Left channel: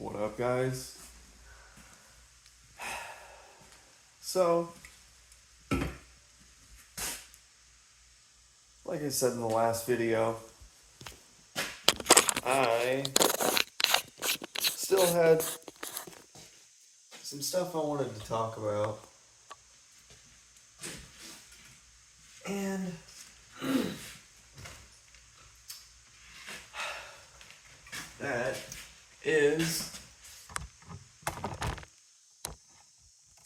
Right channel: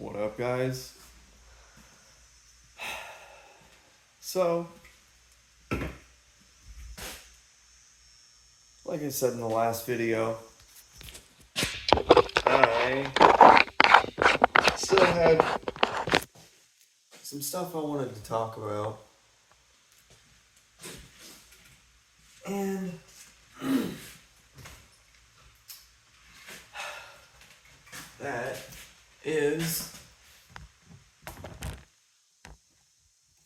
What up, guys? So, like I said in the last video, I still had some stuff I wanted to talk about. And that is.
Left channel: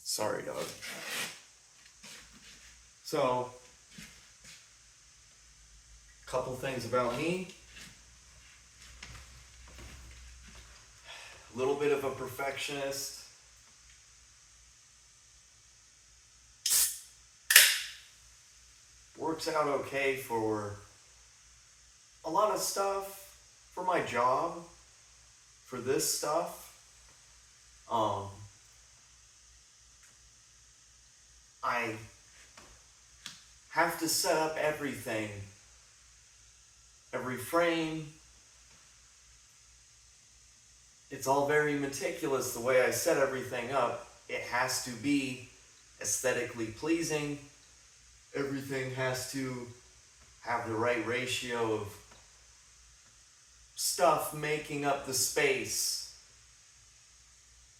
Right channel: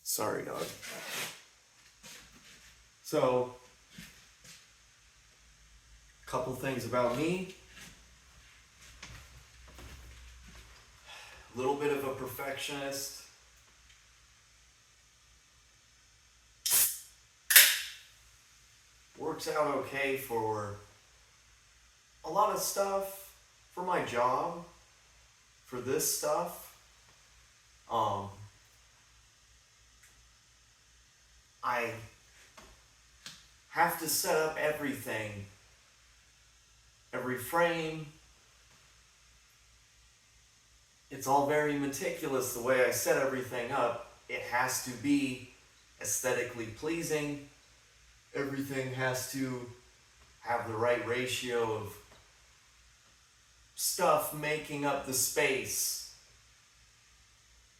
Sorry, dog. So, a couple things about me. A little bit of a perfectionist. Works out okay for a lot of stuff, for my job, for this stuff. I have to set up everything, every frame. It's all very meticulous the way I set everything up. It has to be aesthetically pleasing. Everything has to have the right ratio of stuff making up the space.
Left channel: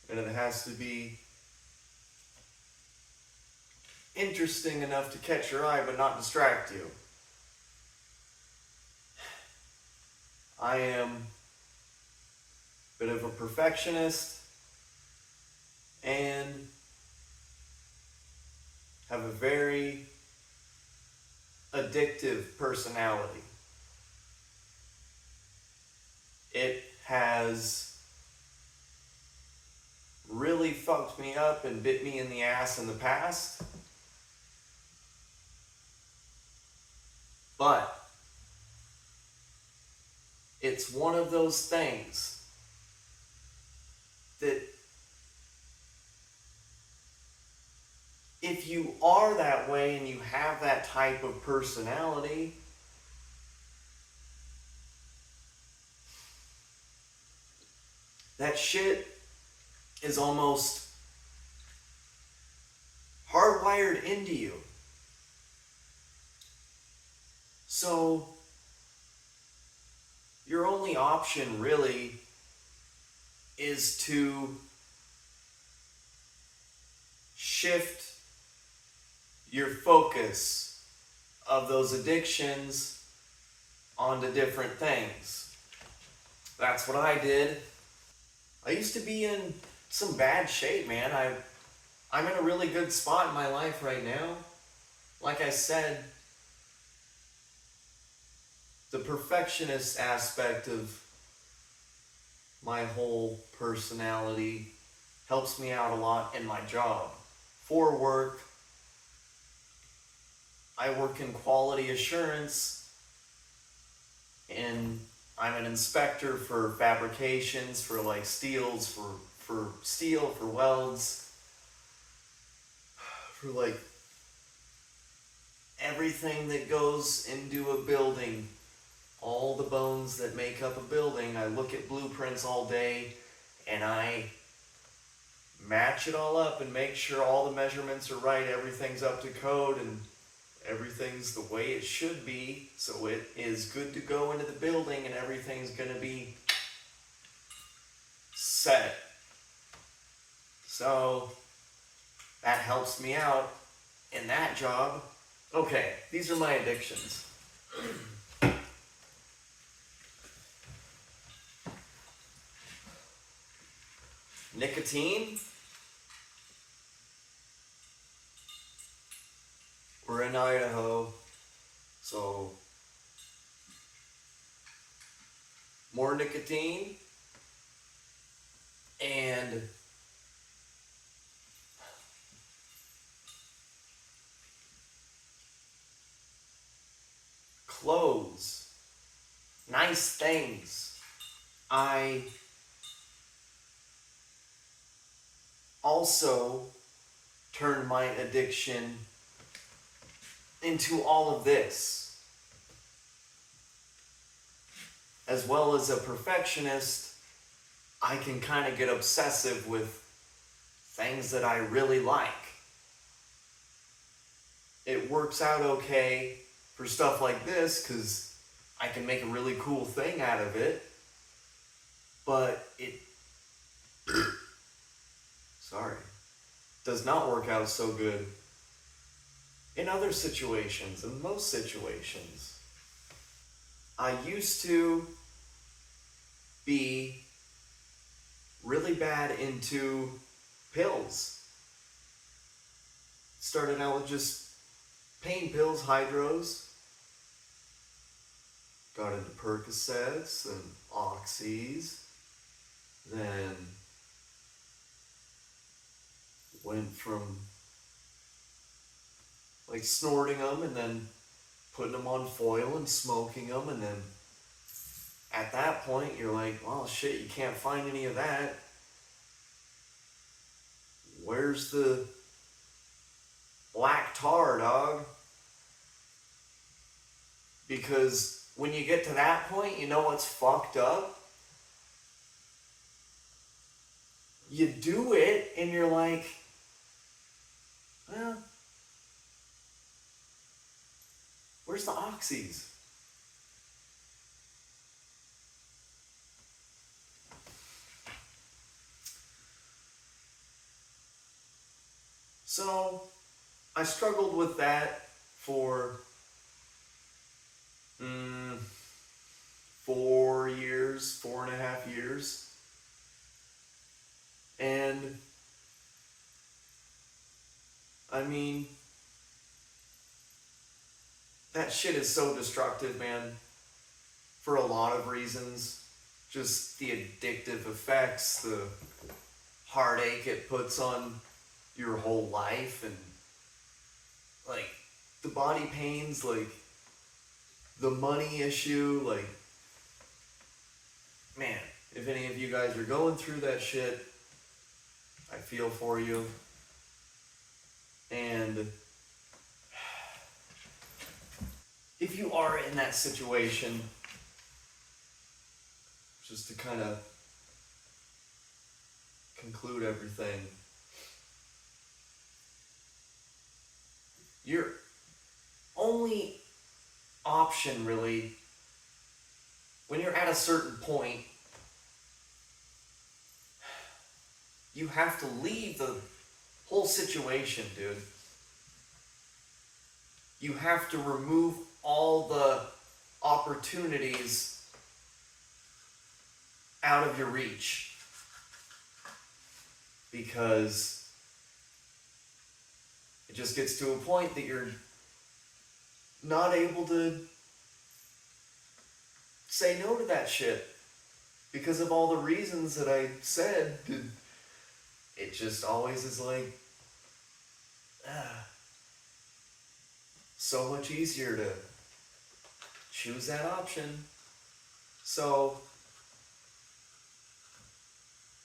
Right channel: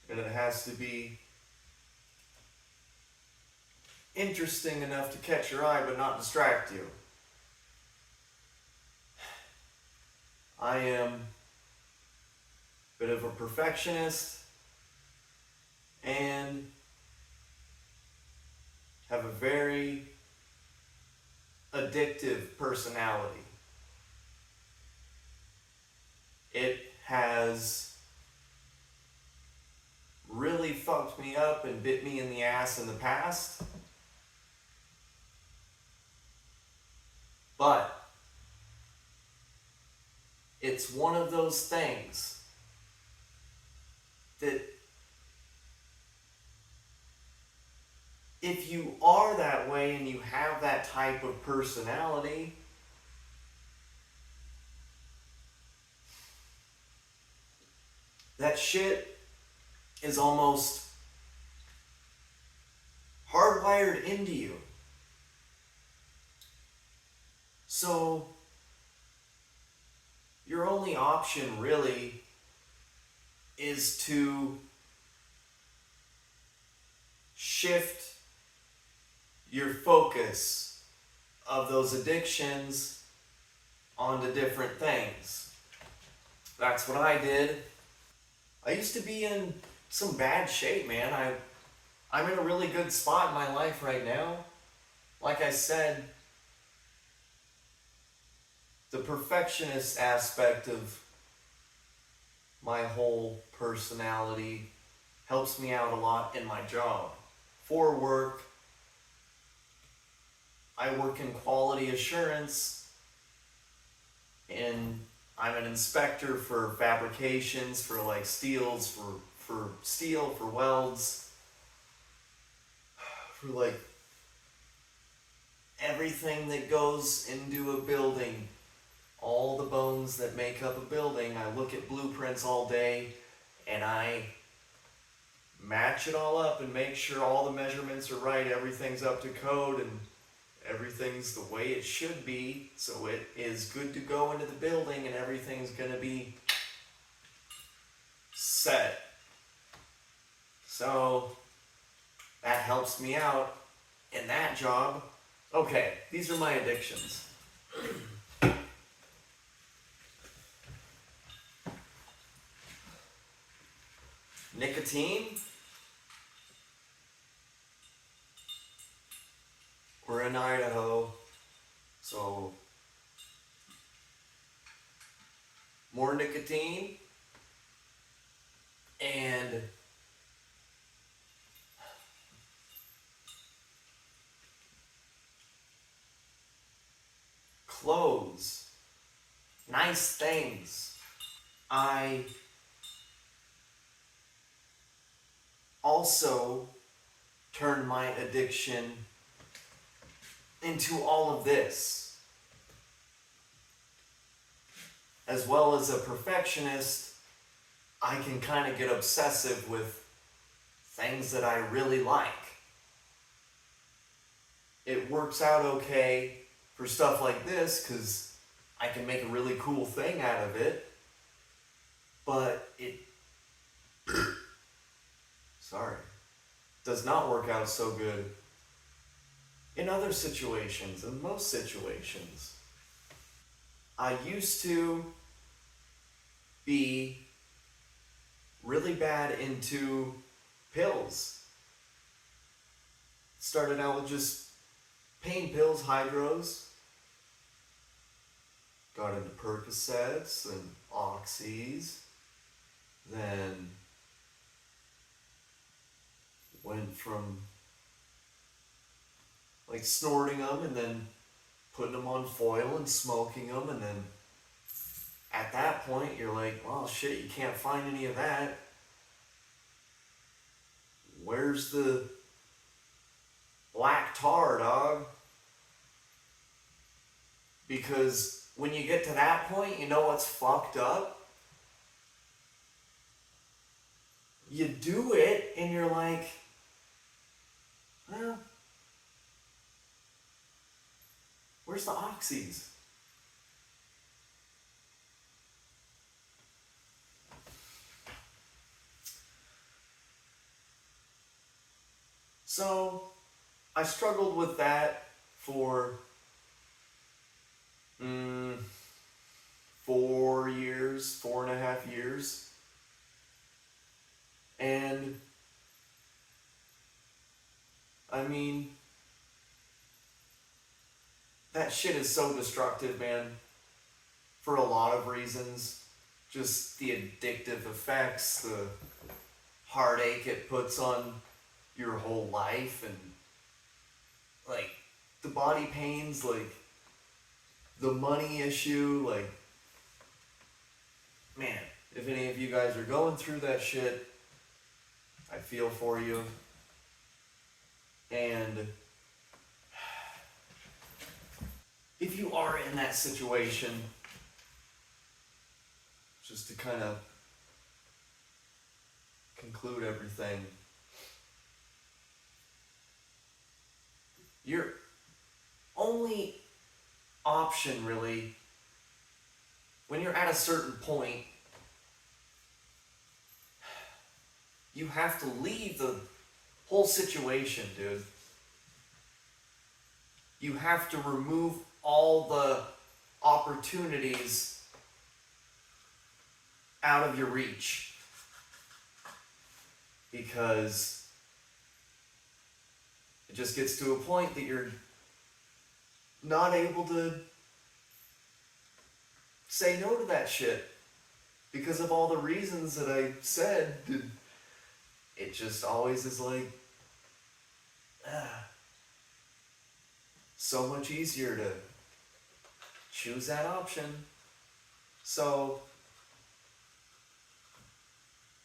And it has to be interesting enough to catch your eye but not distract you. I am a bit of a perfectionist and have a very addictive personality. It has really fucked me up and bit me in the ass in the past. But it's one of those things that if you are that way and you have that type of personality, that shit is almost hardwired into you. So your only option really is to shift your focus of those addictions onto different things. That's what I did. I used to be in some bad shape, man. I'm in a really good spot in my life right now. Like I said, the perfectionist aspect of my whole personality helps me out a lot in my job. For work, I work in quality assurance, and I'm an inspector for fabrications, for like steels, for steel, for welds, for like everything that goes into a building. All the bones that make up a building. I look at blueprints all day and I match it all up and make sure all the measurements are right, everything's up to code, and everything's the way it should be, so it is good to go into the building and everything's gonna be set. So that helps me out in that job. Okay, these are my addictions. Nicotine. We're in Idaho, so more nicotine and clothes, nice things. I also turned my addiction into all of this. As well as a perfectionist, I can kind of get obsessive with things that I really like. It works out okay for stuff like this because I can make a really cool thing out of it, but it, sorry, does not work out so good in other situations, in most situations. I used to be really bad into pills. Started out with just pain pills, hydros. Got into Percocets and Oxys. Then went from like snorting them and then putting them on foil and smoking them, and then at that point you're like, well shit, you can't find any of that. Where's the black tar, dog? Because when you get to that point, you know what's fucked up? You do it and you're like, well, where's the oxys? So I struggled with that for 4 years, 4.5 years. And I mean, that shit is so destructive, man, for a lot of reasons. Just the addictive effects, the heartache it puts on your whole life, and like the body pains, like the money issue. Like, man, if any of you guys are going through that shit, I feel for you. And if you are in that situation, just to kind of conclude everything, your only option really, when you're at a certain point, you have to leave the whole situation, dude. You have to remove all the opportunities out of your reach, because it just gets to a point that you're not able to say no to that shit because of all the reasons that I said. It just always is like, so much easier to choose that option. So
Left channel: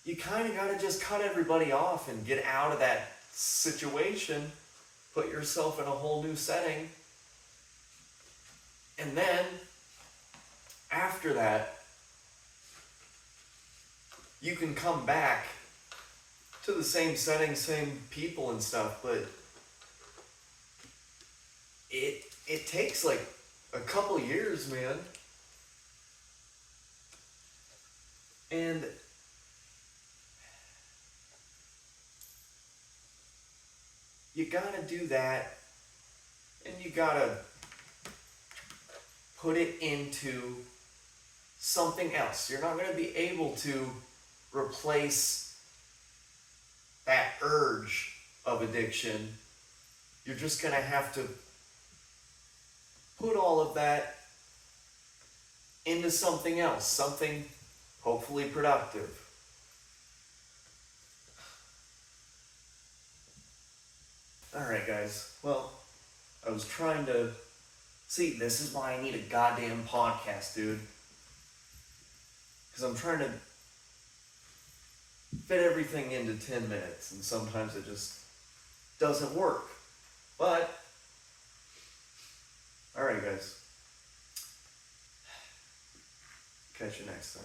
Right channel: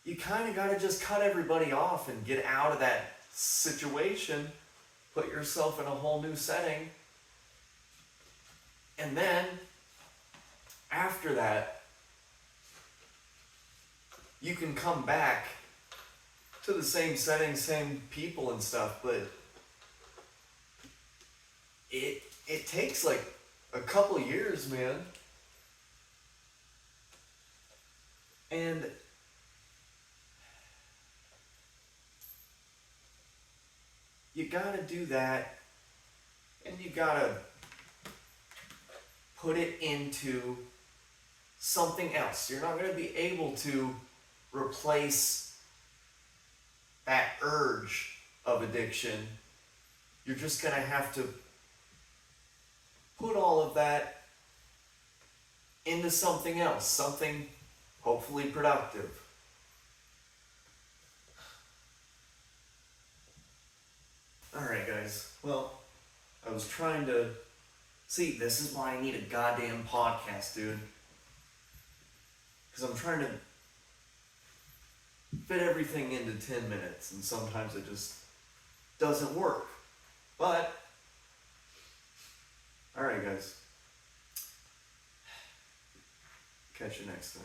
you kind of got to just cut everybody off and get out of that situation, put yourself in a whole new setting, and then after that, you can come back to the same setting, same people and stuff, but it takes like a couple years, man. And you gotta do that, and you gotta put it into something else. You're not gonna be able to replace that urge of addiction. You're just gonna have to put all of that into something else, something hopefully productive. Alright, guys. Well, I was trying to... See, this is why I need a goddamn podcast, dude. Because I'm trying to fit everything into 10 minutes, and sometimes it just doesn't work. But, alright, guys. Catch you next time.